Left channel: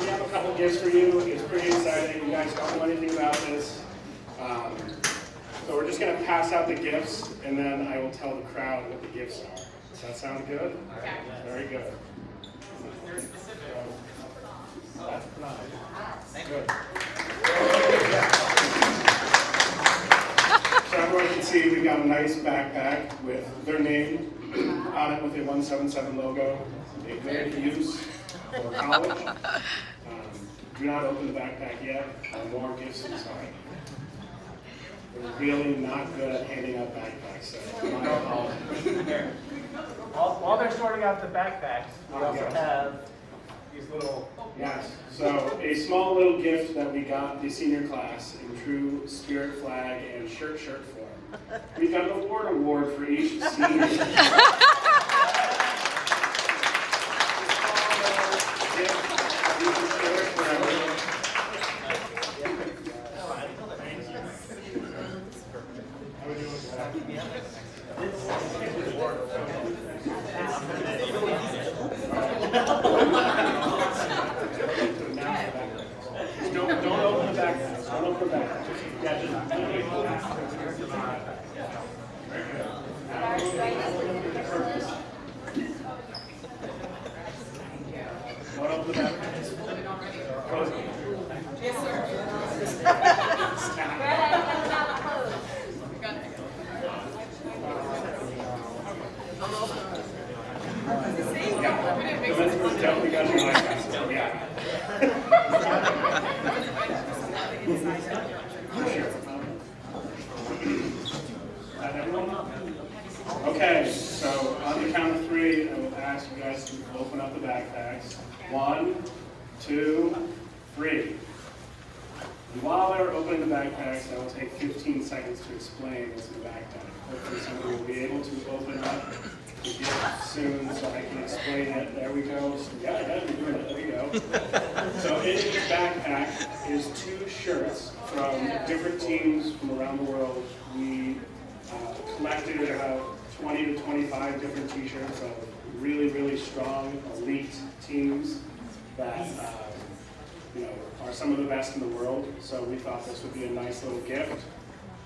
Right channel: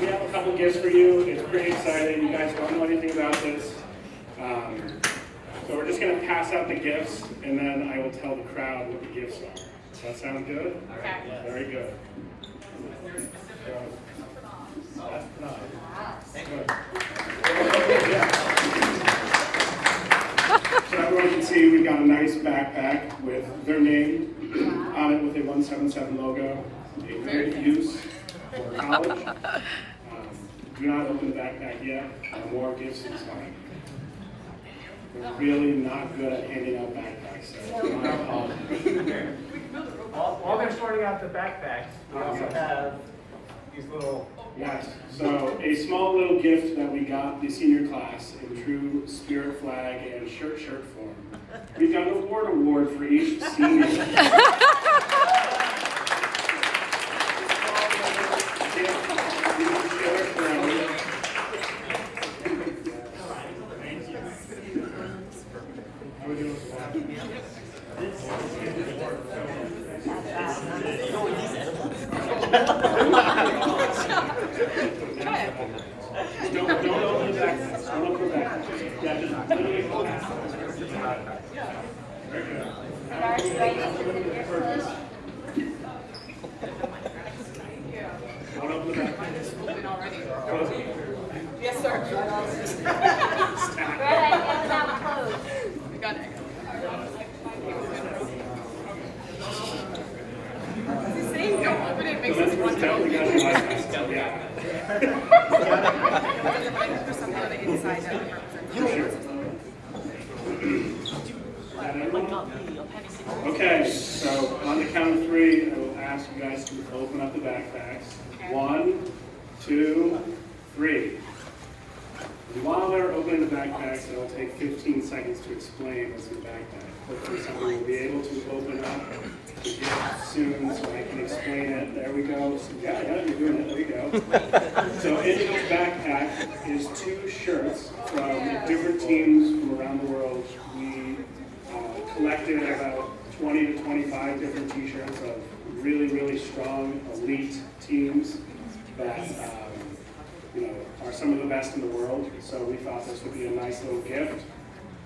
we have a couple gifts for you. It's pretty exciting. You guys don't know anything about this. So we're just going to pass out the gifts, and then I will tell the crowd what the gifts are. Does that sound good? Okay. Very good. That's Pranav. Thank you. So everyone can see we've got a nice backpack with their name on it with a 177 logo. A good use for college. Do not open the backpack yet. More gifts inside. We're really not good at handing out backpacks. So While they're sorting out the backpacks, we also have these little... Yes, so a small little gift that we got the senior class in true spirit flag and shirt form. We've got an award for each senior. Don't open the backpack. Don't open the backpack. Yeah, just literally hold it. Very good. Now we'll look at the purpose. Don't open the backpack. Close it. Yes, sir. We got it. He's saying don't open it, makes us want to open it. Yeah. Okay, so on the count of three, I will ask you guys to open up the backpacks. 1, 2, 3. And while they're opening the backpacks, I will take 15 seconds to explain what's in the backpack. Hopefully somebody will be able to open up the gift soon so I can explain it. There we go. So, yeah, you're doing it. There you go. So in the backpack is 2 shirts from different teams from around the world. We collected about 20 to 25 different t-shirts of really, really strong elite teams that are some of the best in the world. So we thought this would be a nice little gift,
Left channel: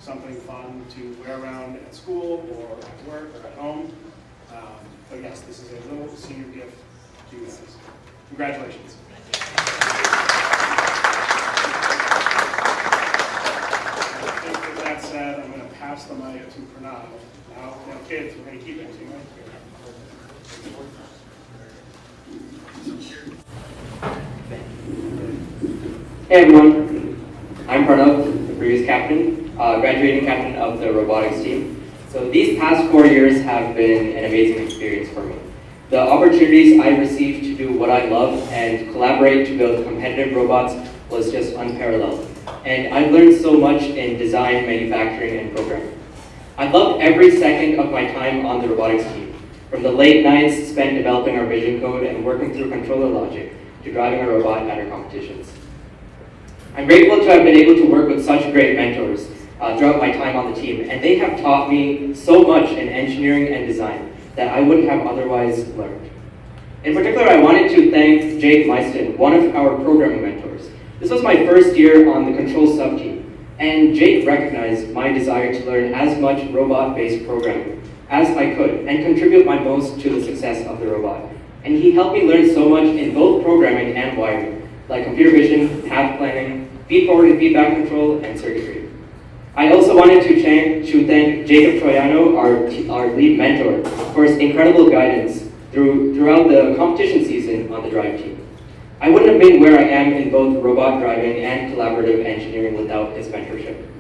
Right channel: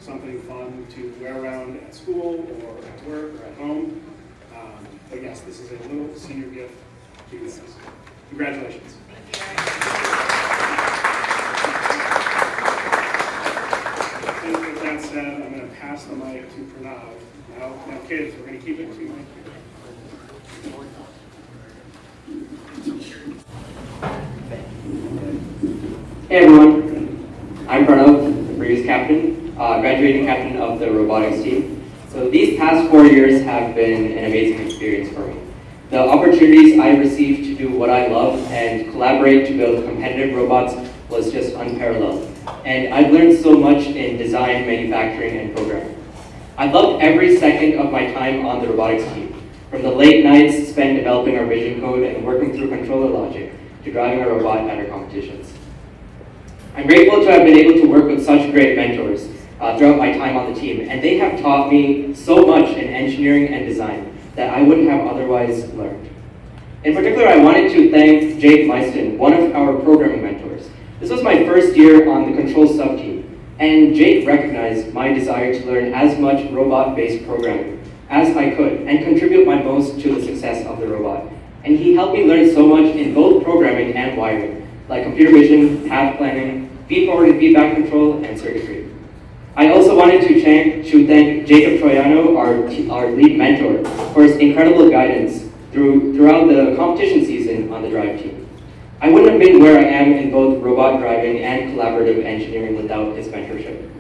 something fun to wear around at school or at work or at home. But yes, this is a little senior gift to you guys. Congratulations. With that said, I'm going to pass the mic to Pranav. Now kids, we're going to keep it to mic. Hey everyone, I'm Pranav, the previous captain, graduating captain of the robotics team. So these past 4 years have been an amazing experience for me. The opportunities I received to do what I love and collaborate to build competitive robots was just unparalleled. And I've learned so much in design, manufacturing, and programming. I loved every second of my time on the robotics team, from the late nights spent developing our vision code and working through controller logic to driving a robot at our competitions. I'm grateful to have been able to work with such great mentors throughout my time on the team, and they have taught me so much in engineering and design that I wouldn't have otherwise learned. In particular, I wanted to thank Jake Meiston, one of our programming mentors. This was my first year on the control sub-team, and Jake recognized my desire to learn as much robot-based programming as I could and contribute my most to the success of the robot. And he helped me learn so much in both programming and wiring, like computer vision, path planning, feed-forward and feedback control, and circuitry. I also wanted to thank Jacob Troiano, our lead mentor, for his incredible guidance throughout the competition season on the drive team. I wouldn't have been where I am in both robot driving and collaborative engineering without his mentorship.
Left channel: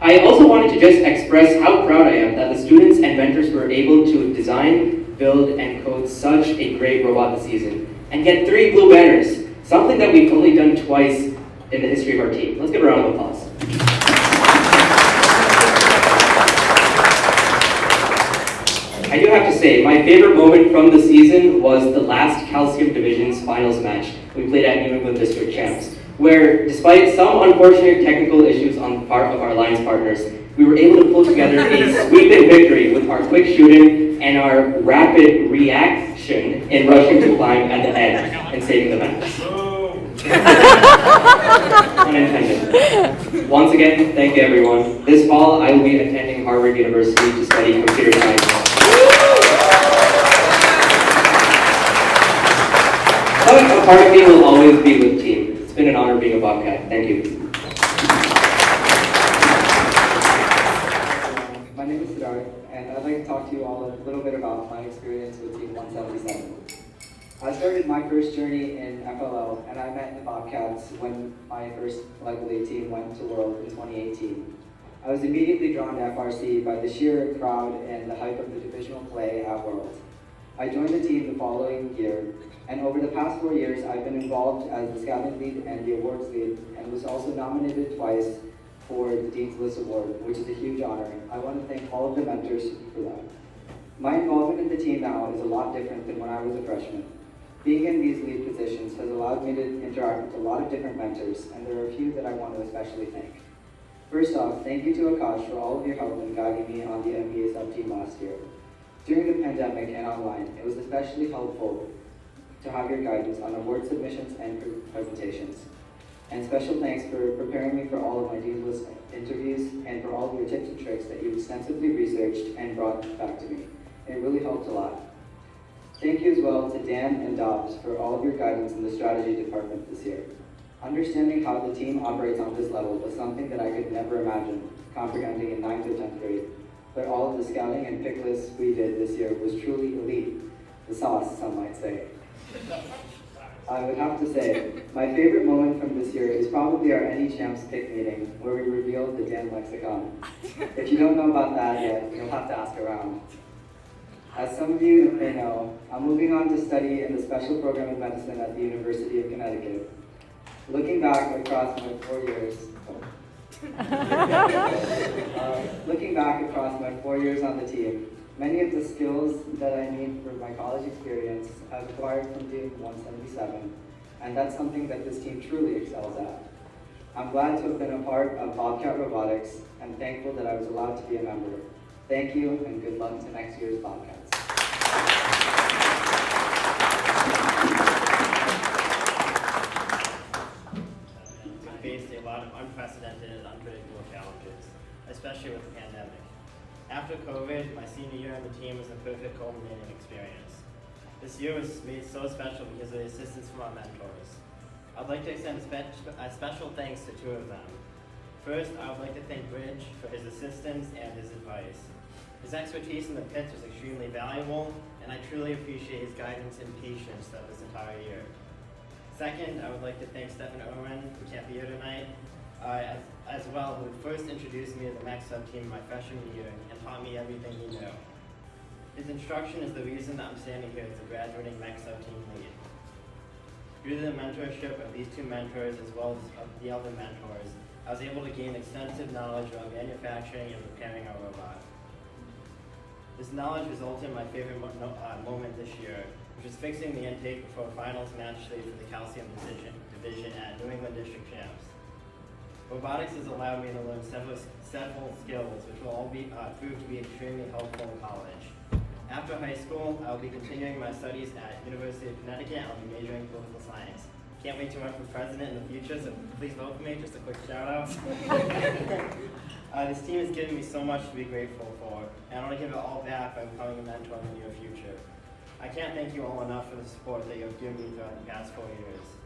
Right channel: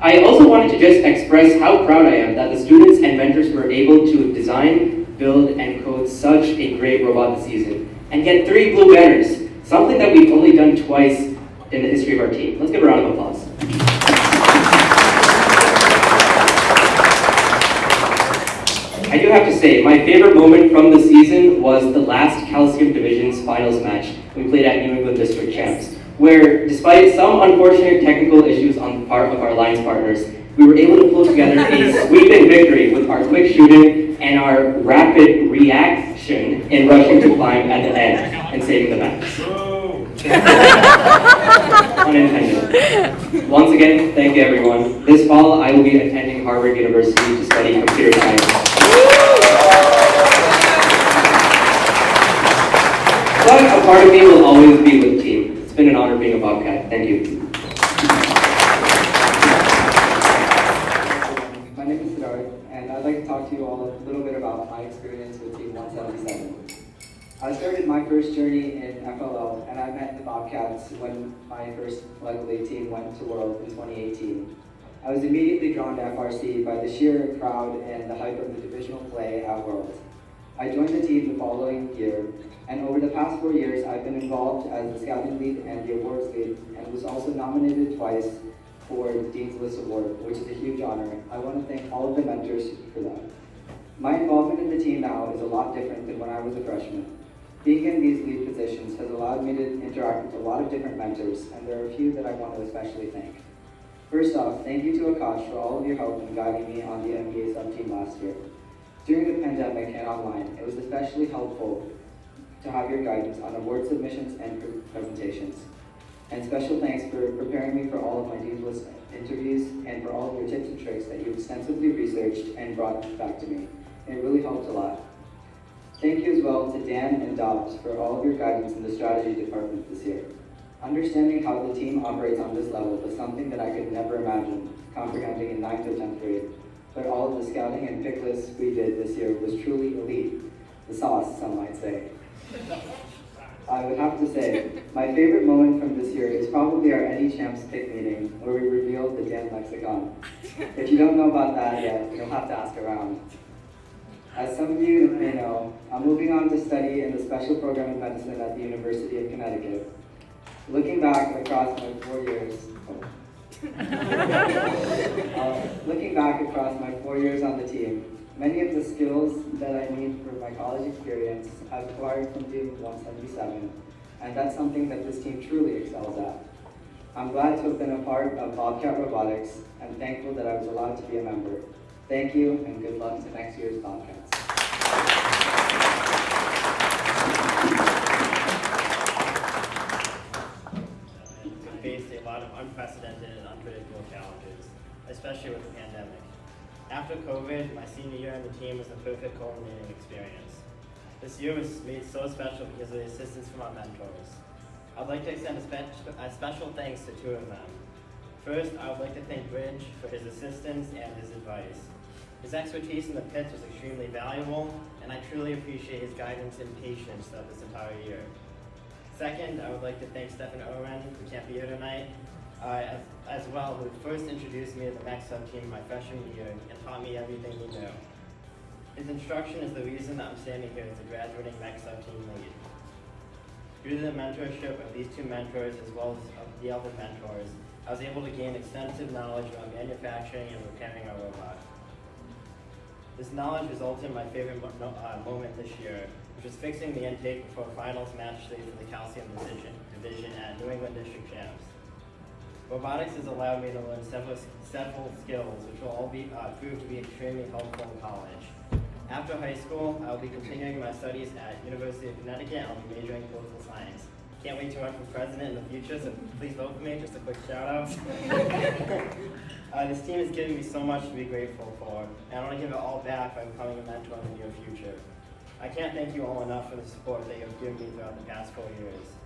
I also wanted to just express how proud I am that the students and mentors were able to design, build, and code such a great robot this season and get 3 blue banners, something that we've only done twice in the history of our team. Let's give a round of applause. I do have to say, my favorite moment from the season was the last Calcium Division's finals match we played at New England District Champs. where despite some unfortunate technical issues on the part of our alliance partners, we were able to pull together a sweeping victory with our quick shooting and our rapid reaction in rushing to climb at the end and saving the match. Unintended. Once again, thank you everyone. This fall, I will be attending Harvard University to study computer science. But a part of me will always be with the team. It's been an honor being a Bobcat. Thank you. My name is Siddharth, and I'd like to talk to you all a little bit about my experience with Team 177. I started my first journey in FLL, and I met the Bobcats when my first Level 8 team went to World in 2018. I was immediately drawn to FRC by the sheer crowd and the hype of the divisional play at World. I joined the team the following year, and over the past 4 years, I've been involved as the scouting lead and the awards lead, and was also nominated twice for the Dean's List Award, which is a huge honor. I want to thank all of the mentors for that. My involvement in the team now is a lot different than when I was a freshman. Being in these lead positions has allowed me to interact with a lot of different mentors, and there are a few that I want to especially thank. First off, thank you to Akash for all of your help in guiding me on the NBA sub-team last year. During the pandemic and online, it was especially helpful to have your guidance on award submissions and presentations. And special thanks for preparing me for all of my Dean's List interviews and for all of your tips and tricks that you extensively researched and brought back to me. It really helped a lot. Thank you as well to Dan and Dobbs for all of your guidance in the strategy department this year. Understanding how the team operates on this level was something that I could never imagine comprehending in 9th or 10th grade. But all of the scouting and pick lists we did this year was truly elite. The sauce, some might say. I would have to say, my favorite moment from this year is probably our Any Champs pick meeting, where we revealed the Dan lexicon. If you don't know about that yet, you'll have to ask around. As some of you may know, I'm moving on to study in the special program of medicine at the University of Connecticut. Looking back across my 4 years, on the team, many of the skills that I need for my college experience I've acquired from Team 177, and that's something that this team truly excels at. I'm glad to have been a part of Bobcat Robotics and thankful that I was allowed to be a member. Thank you, and good luck to next year's Bobcats. We faced a lot of unprecedented and unpredictable challenges, especially with the pandemic. After COVID, my senior year on the team was the perfect culminating experience. This year was made so special because of the assistance from our mentors. I'd like to extend a special thanks to two of them. First, I would like to thank Bridge for his assistance and his advice. His expertise in the pits was extremely valuable, and I truly appreciate his guidance and patience throughout this entire year. Second, I would like to thank Stephen Owen, who can't be here tonight, as well, who first introduced me to the MEC sub-team my freshman year and taught me everything he knew. His instruction is the reason that I'm standing here as a graduating MEC sub-team lead. Due to the mentorship of these two mentors as well as of the other mentors, I was able to gain extensive knowledge about manufacturing and repairing our robot. This knowledge resulted in my favorite moment this year, which was fixing the intake before finals match day for the calcium division at New England District Champs. Robotics has allowed me to learn several skills which will all prove to be extremely helpful in college. After high school, I will be continuing my studies at University of Connecticut and I'll be majoring in political science. Can't wait to run for president in the future, so please vote for me. Just a quick shout out. This team has given me so much to be grateful for, and I want to give it all back by becoming a mentor in the near future. I can't thank you all enough for the support that you have given me throughout the past 4 years.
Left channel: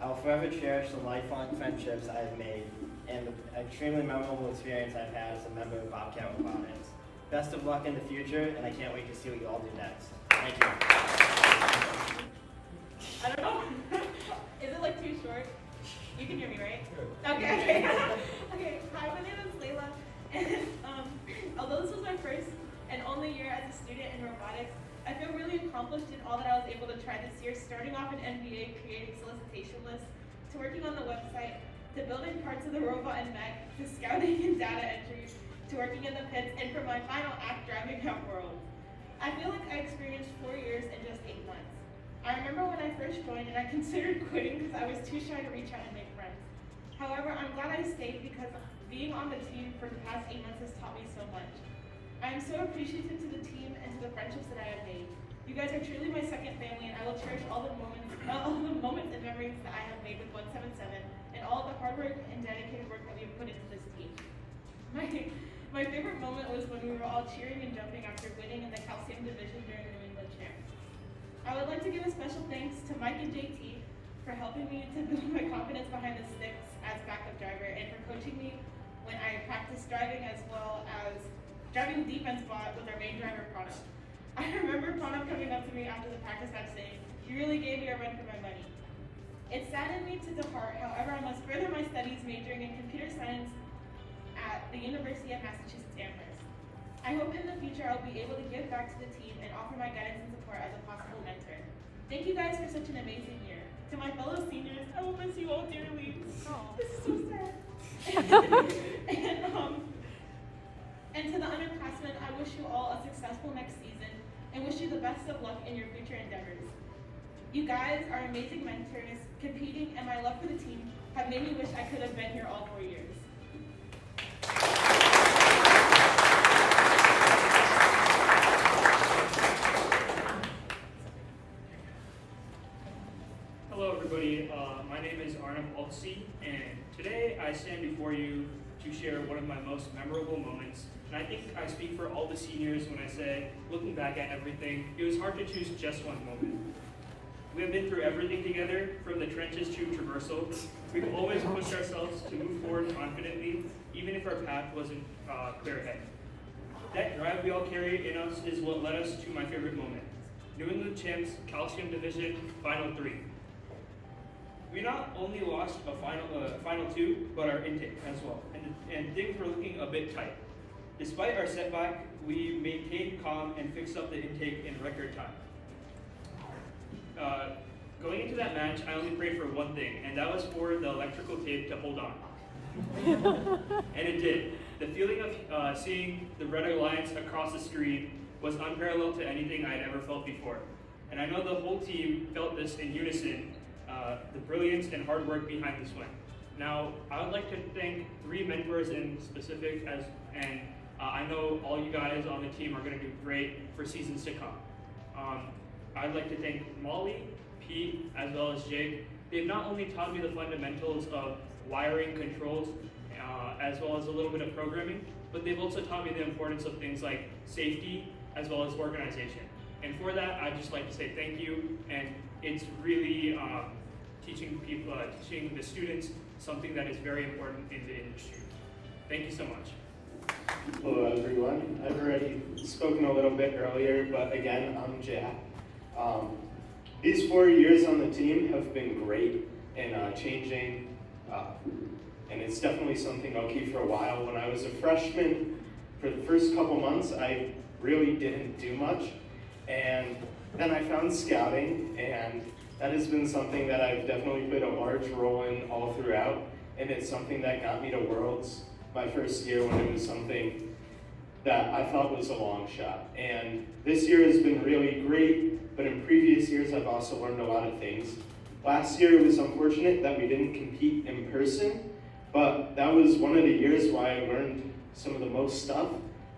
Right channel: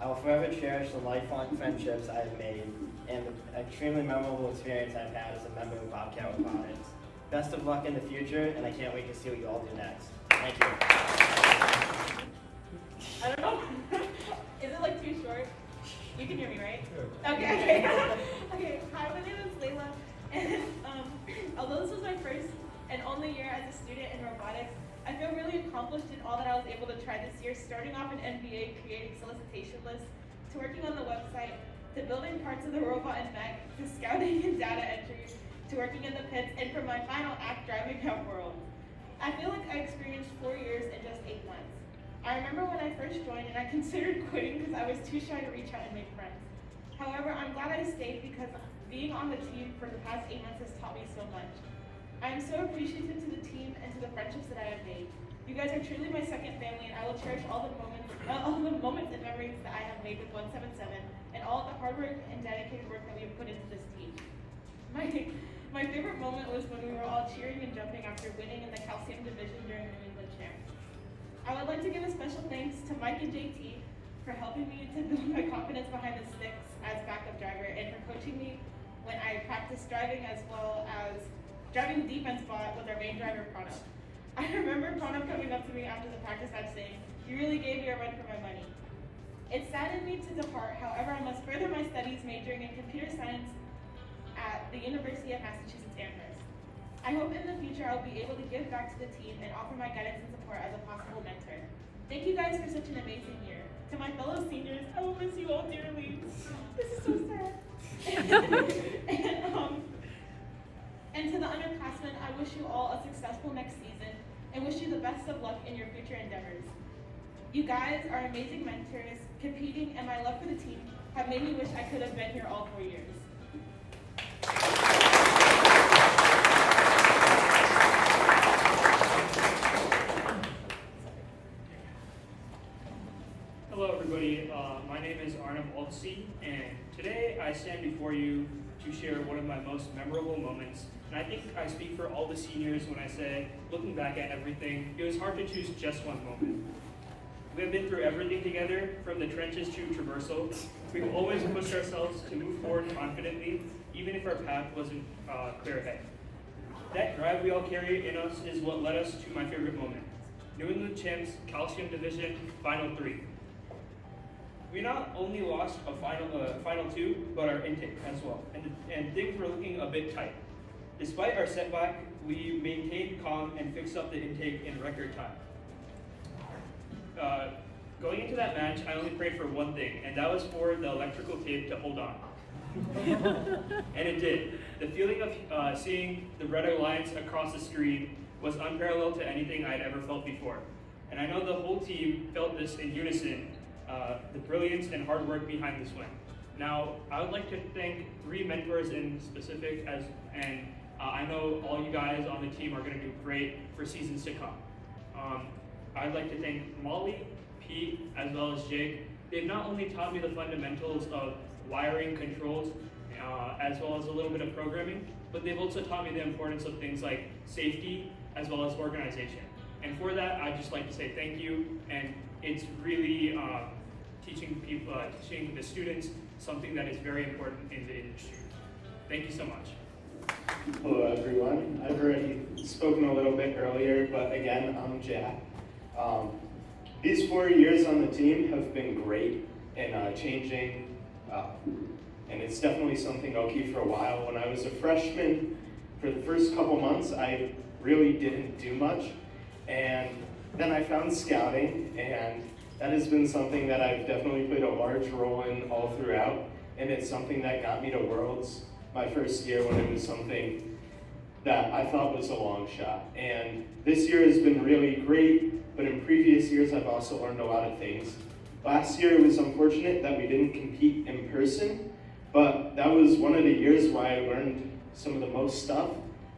I will forever cherish the lifelong friendships I have made and the extremely memorable experience I've had as a member of Bobcat Robotics. Best of luck in the future, and I can't wait to see what you all do next. Thank you. I don't know. Is it like too short? You can hear me, right? Okay. Okay. Hi, my name is Layla, and although this was my first and only year as a student in robotics, I feel really accomplished in all that I was able to try this year, starting off in NBA, creating solicitation lists, to working on the website, to building parts of the robot and mech, to scouting and data entries, to working in the pits, and for my final act, driving at World. I feel like I experienced 4 years in just 8 months. I remember when I first joined and I considered quitting because I was too shy to reach out and make friends. However, I'm glad I stayed because being on the team for the past 8 months has taught me so much. I am so appreciative to the team and to the friendships that I have made. You guys are truly my second family, and I will cherish all the moments and memories that I have made with 177 and all the hard work and dedicated work that we have put into this team. My favorite moment was when we were all cheering and jumping after winning in the calcium division during New England Champs. I would like to give a special thanks to Mike and JT for helping me to build my confidence behind the sticks as backup driver and for coaching me when I practiced driving as well as driving the defense spot with our main driver, Pranav. I remember Pranav coming up to me after the practice match saying, "You really gave me a run for my money." It saddened me to depart, however, I must further my studies majoring in computer science at the University of Massachusetts Amherst. I hope in the future I'll be able to give back to the team and offer my guidance and support as a possible mentor. Thank you guys for such an amazing year. To my fellow seniors, I will miss you all dearly. This is so sad. And to the underclassmen, I wish you all a successful next season and wish you the best of luck in your future endeavors. You guys are amazing mentors. Competing and my love for the team have made me wish I could have been here all 4 years. Hello everybody, my name is Arnav Oltsi, and today I stand before you to share one of my most memorable moments. And I think I speak for all the seniors when I say, looking back at everything, it was hard to choose just one moment. We have been through everything together, from the trenches to traversal. We've always pushed ourselves to move forward confidently, even if our path wasn't clear ahead. That drive we all carry in us is what led us to my favorite moment. New England Champs Calcium Division Final 3. We not only lost a final 2, but our intake as well, and things were looking a bit tight. Despite our setback, we maintained calm and fixed up the intake in record time. Going into that match, I only prayed for one thing, and that was for the electrical tape to hold on. And it did. The feeling of seeing the red lines across the screen was unparalleled to anything I'd ever felt before. And I know the whole team felt this in unison, the brilliance and hard work behind this win. Now, I would like to thank 3 mentors in specific, and I know all you guys on the team are going to do great for seasons to come. I'd like to thank Molly, Pete, as well as Jake. They've not only taught me the fundamentals of wiring, controls, as well as a little bit of programming, but they've also taught me the importance of things like safety as well as organization. And for that, I'd just like to say thank you, and it's really teaching the students something that is very important in the industry. Thank you so much. Hello everyone. I've already spoken a little bit earlier, but again, I'm Jack. These 4 years on the team have been great in changing, and it's definitely something I'll keep for a while. When I was a freshman, for the first couple months, I really didn't do much, and then I found scouting, and that has been something that I've definitely played a large role in all throughout, and it's something that got me to Worlds my first year when it was something that I thought was a long shot. And this year has been really great, but in previous years I've also learned a lot of things. Last year it was unfortunate that we didn't compete in person, but that was one of the years why I learned some of the most stuff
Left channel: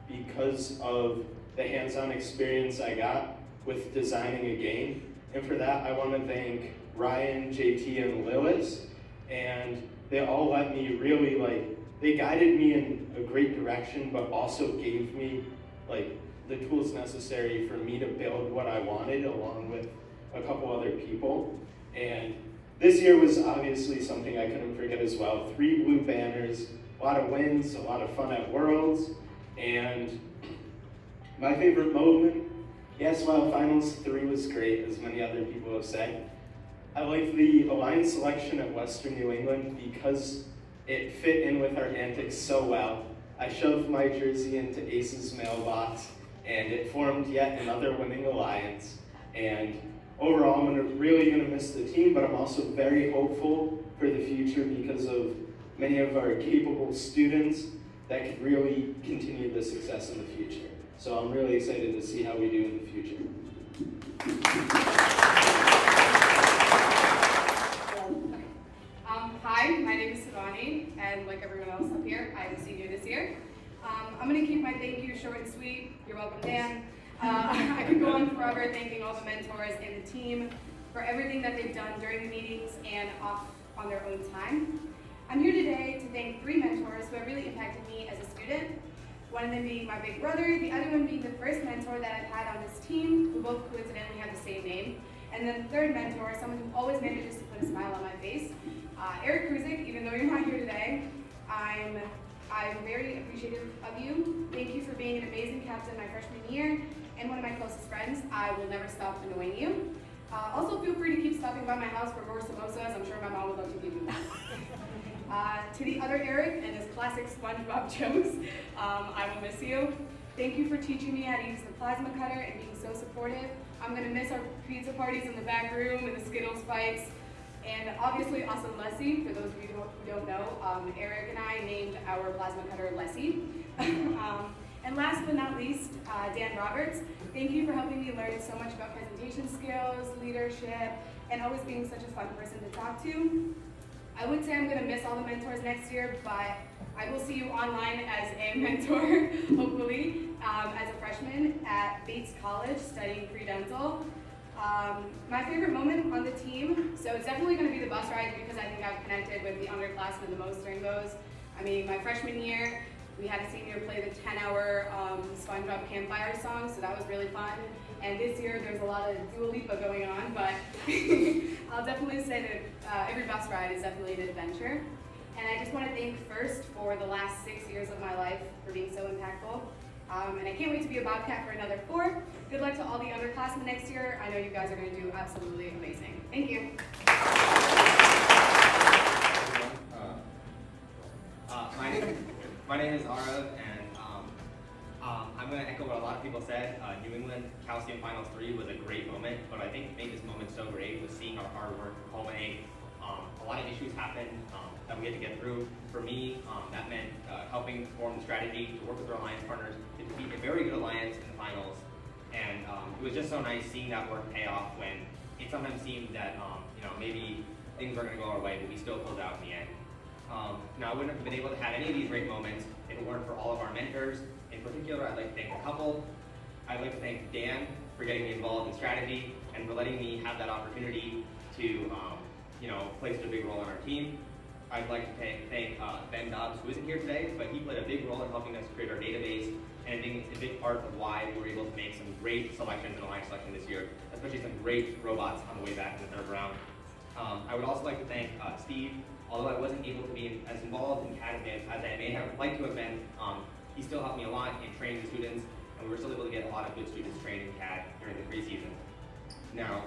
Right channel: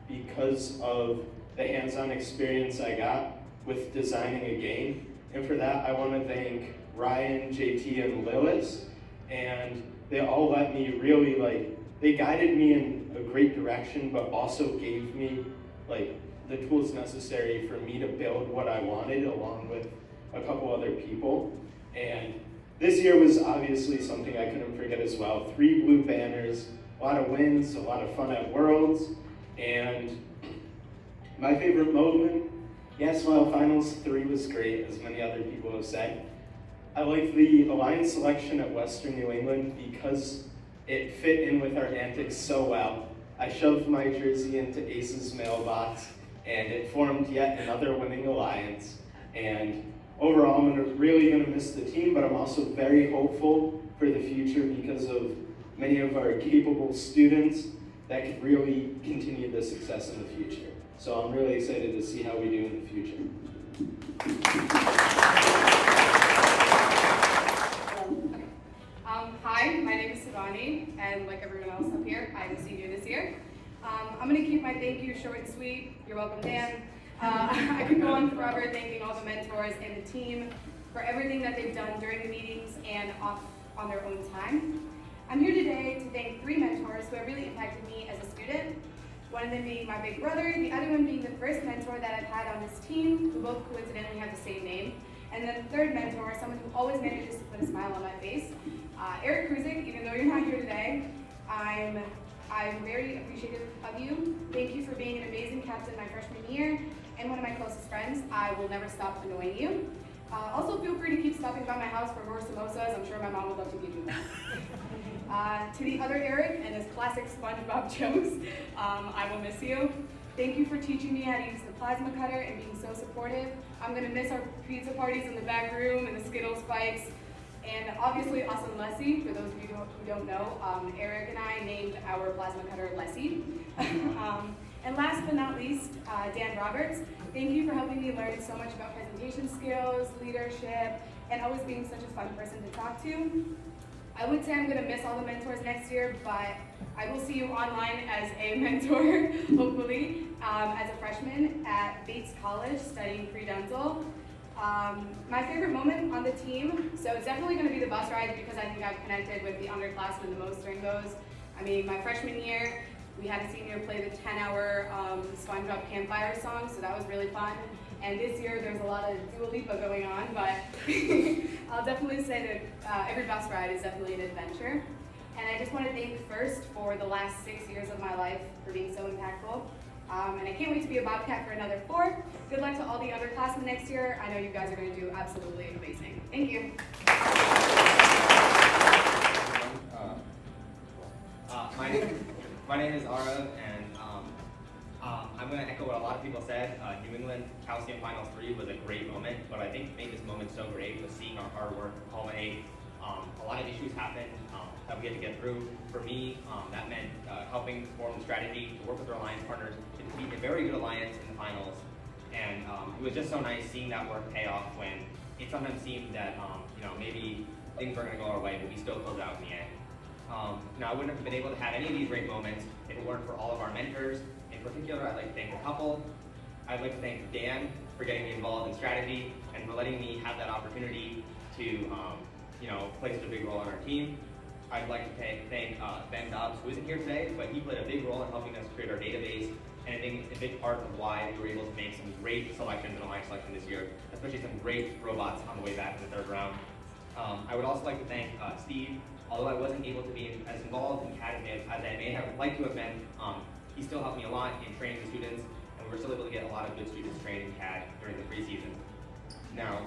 because of the hands-on experience I got with designing a game. And for that I want to thank Ryan, JT, and Lillis, and they all let me really they guided me in a great direction, but also gave me the tools necessary for me to build what I wanted along with a couple other people. And this year was obviously something I couldn't forget as well. 3 blue banners, a lot of wins, a lot of fun at Worlds, and my favorite moment, yes, while Finals 3 was great, as many other people have said, I like the alliance selection at Western New England because it fit in with our antics so well. I shoved my jersey into Ace's mailbox, and it formed yet another winning alliance. And overall, I'm really going to miss the team, but I'm also very hopeful for the future because of many of our capable students that could really continue the success in the future. So I'm really excited to see how we do in the future. and like everyone else up here, I'm a senior this year. I'm going to keep my thank you short and sweet. You're welcome, Dan. I could go on forever thanking all the mentors and the team for everything that they've done during the meetings and off on their own time. I'm here today to thank 3 mentors who have really impacted me as a student. One of them being my big brother, the other one being the first mentor that I've had on this team, who both coincidentally have the same name. And then the third mentor, someone who always manages to put a smile on my face, Eric Kruzik. Even though you're not here today, I'm very appreciative of you. Thank you for being an amazing captain my freshman year and one of my closest friends. I will never stop annoying you. Also, feel free to keep stopping by my house for more samosas. I'm sure my mom would love to give you that. To the other Eric and his classic SpongeBob jokes, I will miss you. Thank you for teaching me how to use the plasma cutter and being so supportive. I'm going to miss our pizza parties in the back room and the Skittles fights. And obviously, also Leslie, for those of you who don't know, Eric and I named our plasma cutter Leslie. And last but not least, Dan Roberts. Thank you for helping me learn so much about presentation skills, leadership, and always being such a fun person to talk to. I would say I'm going to miss all the mentors next year, but I will see you online as a mentor, hopefully, as a freshman at Bates College studying pre-dental. My favorite moment on the team, so it's definitely going to be the bus rides because I think I've connected with the underclassmen the most during those. I mean, my freshman year, we had a senior play the 10-hour SpongeBob campfire song, so that was really fun. And this year, there's a lot of Dua Lipa going on, but I'll definitely say that every bus ride is definitely an adventure. And I just want to thank first for the last 6 years of my life for being so impactful. And I can't wait to be a Bobcat for another 4. Good luck to all the underclassmen next year. I know you guys are going to do absolutely amazing. Thank you. My name is Arav, and I'm going to echo what a lot of people said. New England Calcium Finals 3 was a great moment, but I think made this moment so great was seeing our hard work culminate. A lot of issues happened that we had to get through. For me, that meant helping form the strategy to work with our alliance partners to defeat a very good alliance in the finals. And it was just so nice seeing that work pay off when it sometimes seemed that maybe things weren't going to go our way, but we still pulled out in the end. Now, I wouldn't have been able to have any of these great moments if it weren't for all of our mentors. In particular, I'd like to thank a couple. I'd like to thank Dan for getting me involved in strategy and for letting me have that opportunity to play such a big role on our team. I'd like to thank Ben Dobbs, who isn't here today, but he played a big role in helping us create our database, and I think it's a big part of why we were able to make some great selections in alliance selection this year, especially some great robots on the way back in the 3rd round. I would also like to thank Steve. Although I wasn't able to be as involved in CAD as I may have liked to have been, he still helped me a lot in training the students, and we were still able to get a lot of good students trained in CAD during the preseason. Now,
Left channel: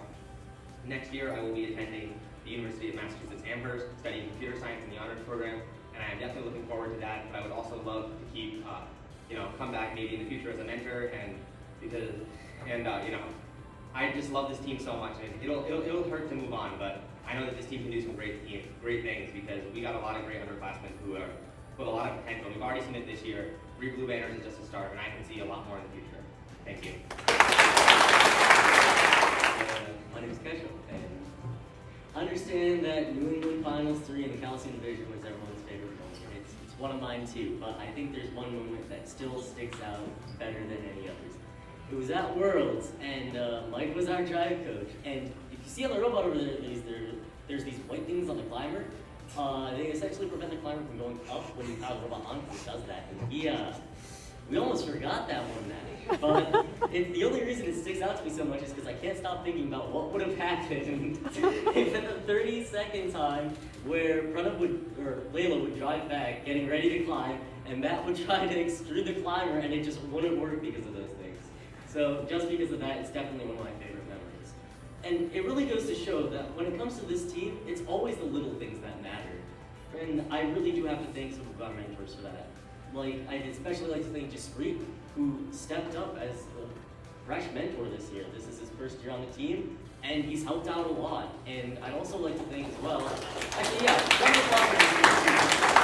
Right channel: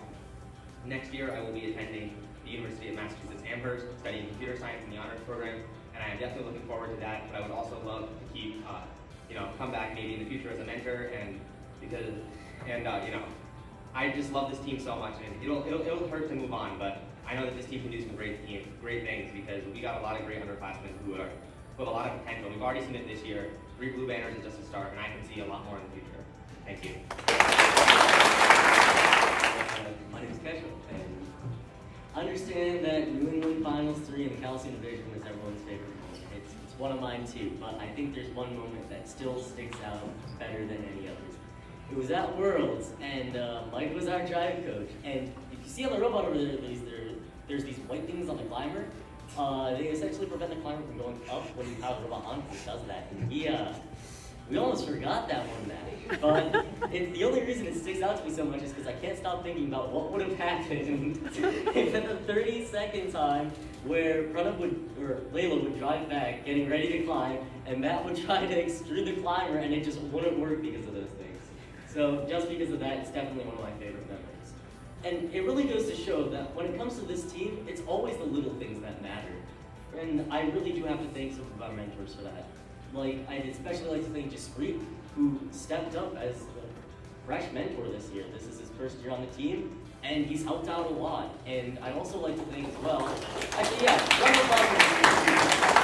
next year I will be attending the University of Massachusetts Amherst, studying computer science in the honors program, and I am definitely looking forward to that. But I would also love to keep, come back maybe in the future as a mentor, I just love this team so much, and it'll hurt to move on, but I know that this team can do some great things because we got a lot of great underclassmen who have a lot of potential. We've already seen it this year. 3 blue banners is just a start, and I can see a lot more in the future. Thank you. My name is Keshav, and I understand that New England Finals 3 in the Calcium Division was everyone's favorite moment. It's one of mine too, but I think there's one moment that still sticks out better than any others. It was at Worlds, and Mike was our drive coach. And if you see on the robot over there, there's these white things on the climber. They essentially prevent the climber from going up when you have the robot on, because it does that. And we almost forgot that one match. But the only reason it sticks out to me so much is because I can't stop thinking about what would have happened if at the 30-second time where Layla would drive back, getting ready to climb, and Matt would try to extrude the climber, and it just wouldn't work because of those things. So just because of that, it's definitely one of my favorite memories. And it really goes to show that when it comes to this team, it's always the little things that matter. And I really do have to thank some of our mentors for that. I'd especially like to thank Jaspreet, who stepped up as a fresh mentor this year. This is his first year on the team, and he's helped out a lot. And I'd also like to thank as well, actually, yeah, round of applause for Jaspreet.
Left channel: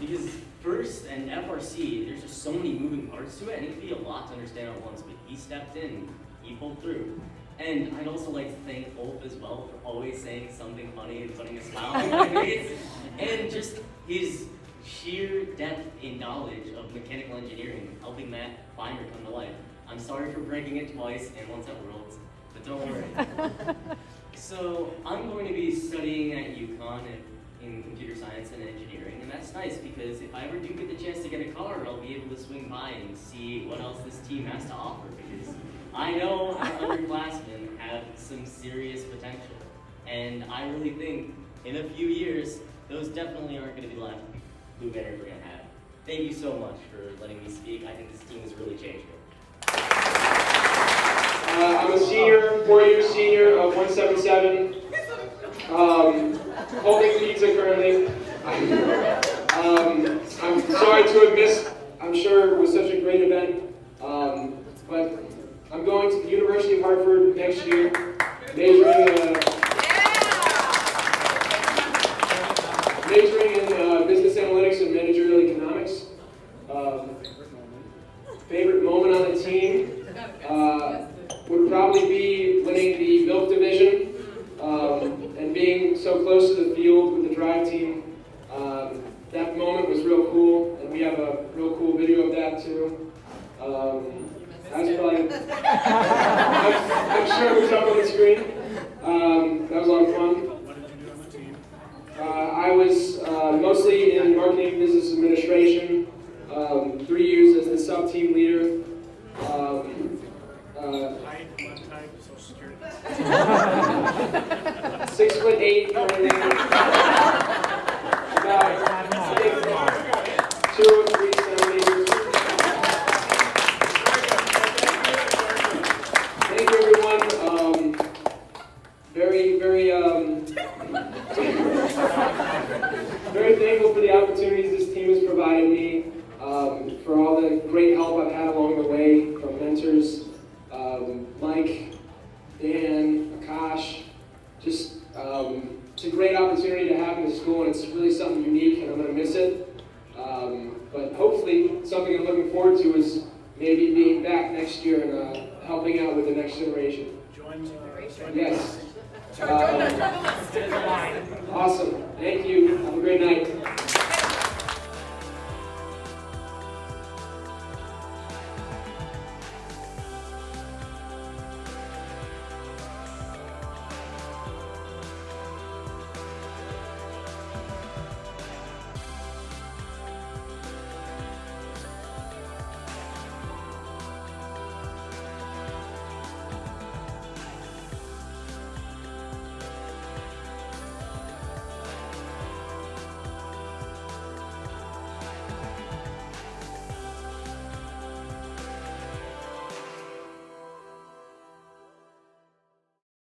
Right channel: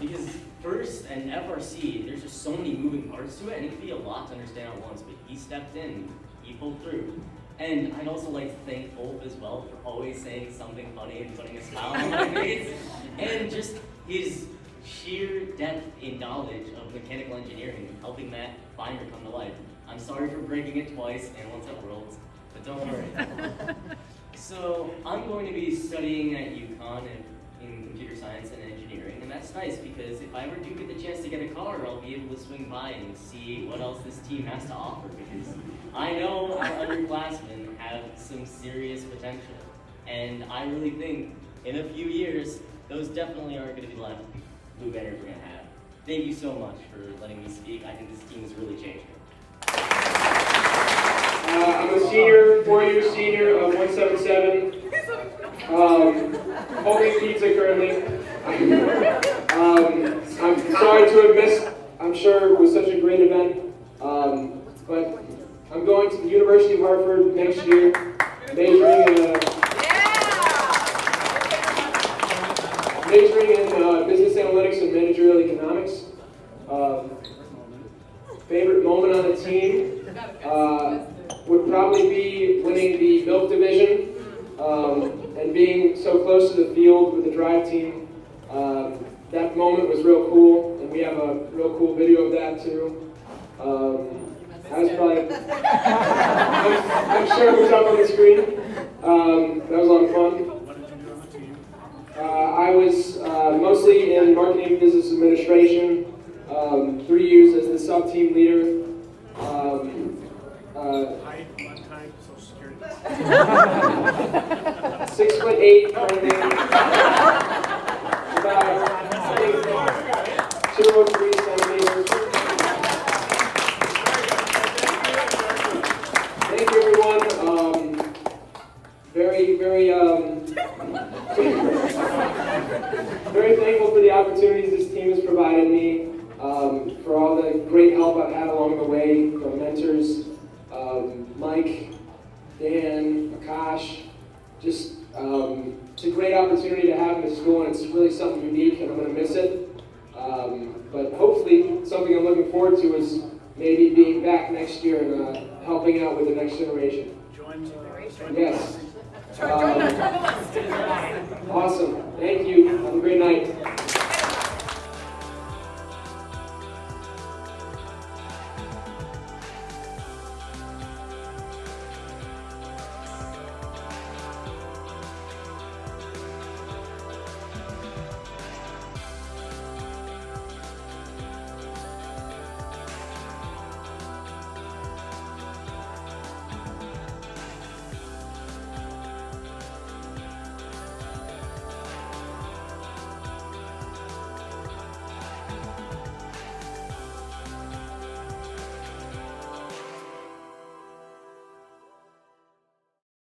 Because first and FRC, there's just so many moving parts to it, and it can be a lot to understand at once, but he stepped in, he pulled through. And I'd also like to thank Ulf as well for always saying something funny and putting a smile on my face. And just his sheer depth in knowledge of mechanical engineering and helping Matt Climber come to life. I'm sorry for breaking it twice and once at Worlds, but don't worry. So I'm going to be studying at UConn in computer science and engineering, and that's nice because if I ever do get the chance to get a car, I'll be able to swing by and see what else this team has to offer, because I know our underclassmen have some serious potential, and I really think in a few years, those definitely aren't going to be the last blue banners we're going to have. Thank you so much for letting me speak. I think this team has really changed me. I'm a senior, 4-year senior of 177, holding pizza currently. I'm sorry to have missed, I'm sure it was such a great event, but I'm going to the University of Hartford next year, majoring in business analytics and managerial economics. Favorite moment on the team would probably be winning the MILF division and being so close to the field with the drive team. That moment was real cool, and we have a real cool video of that too. That was probably, I'm sure it was up on the screen. That was a lot of fun. What did you do on the team? I was mostly in marketing and business administration, 3 years as the sub-team leader. Height, blood type, social security. 6'8", about 203 centimeters. Thank you, everyone. Very thankful for the opportunities this team has provided me, for all the great help I've had along the way from mentors, Mike, Dan, Akash. Just, it's a great opportunity to have in the school, and it's really something unique, and I'm going to miss it. But hopefully, something I'm looking forward to is maybe being back next year and helping out with the next generation. Yes. Awesome. Thank you. Have a great night.